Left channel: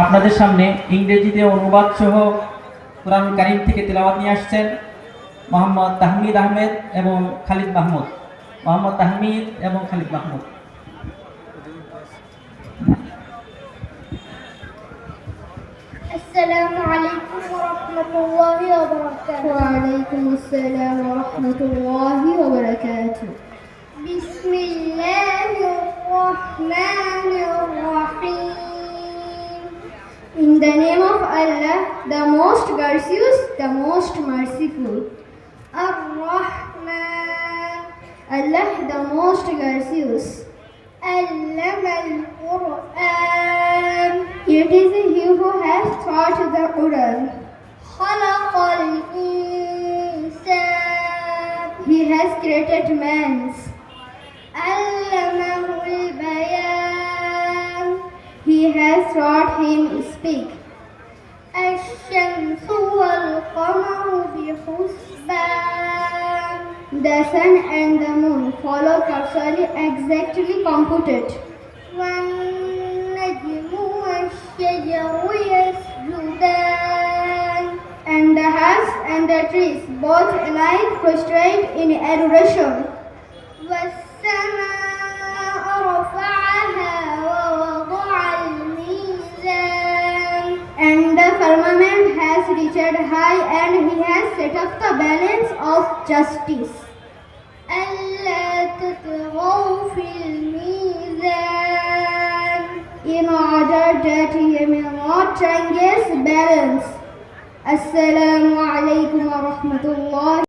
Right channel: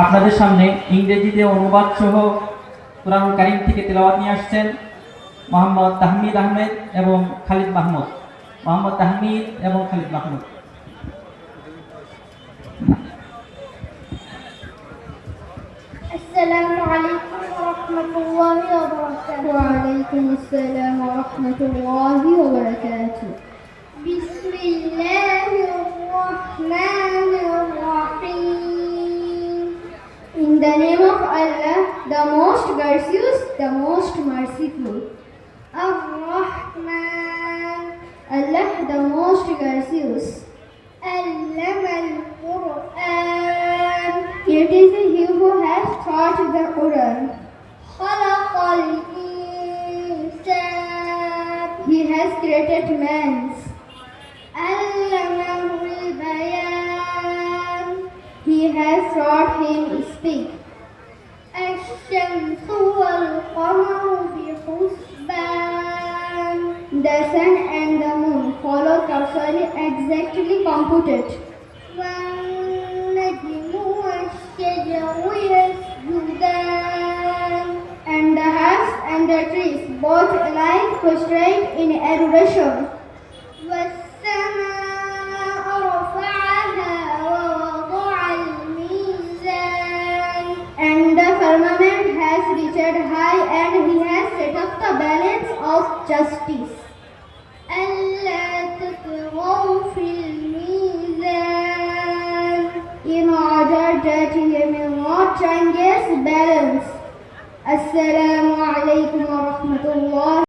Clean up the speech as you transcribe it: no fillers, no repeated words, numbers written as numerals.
আপনাদের সামনে ইংরেজিতে অনুবাদ সহ কোরআন কারীম থেকে তেলাওয়াত নিয়ে আসছেন মোহাম্মদ তাহমিদ আহমেদ এবং খালিদ মাহমুদ। মোহাম্মদ তাহমিদ এবং Khalid Mahmud. السلام عليكم ورحمة الله وبركاته. وعليكم السلام ورحمة الله وبركاته. بسم الله الرحمن الرحيم. In the name of Allah, the most gracious, the most merciful. Ar-Rahman, Allah the most gracious. Allama al-Quran, it is He who has taught the Quran. خلق الإنسان, He has created man. علمه البيان, He has taught him speak. الشمس والقمر بحسبان, the sun and the moon follow causally exactly computed. والنجم والشجر يسجدان, and the herbs and the trees both alike prostrate in adoration. والسماء رفعها ووضع الميزان, and the firmament has reached high and He has set up the balance of justice. ألا تطغوا في الميزان, in order that He may not transgress balance. Assalamu alaikum wa rahmatullah.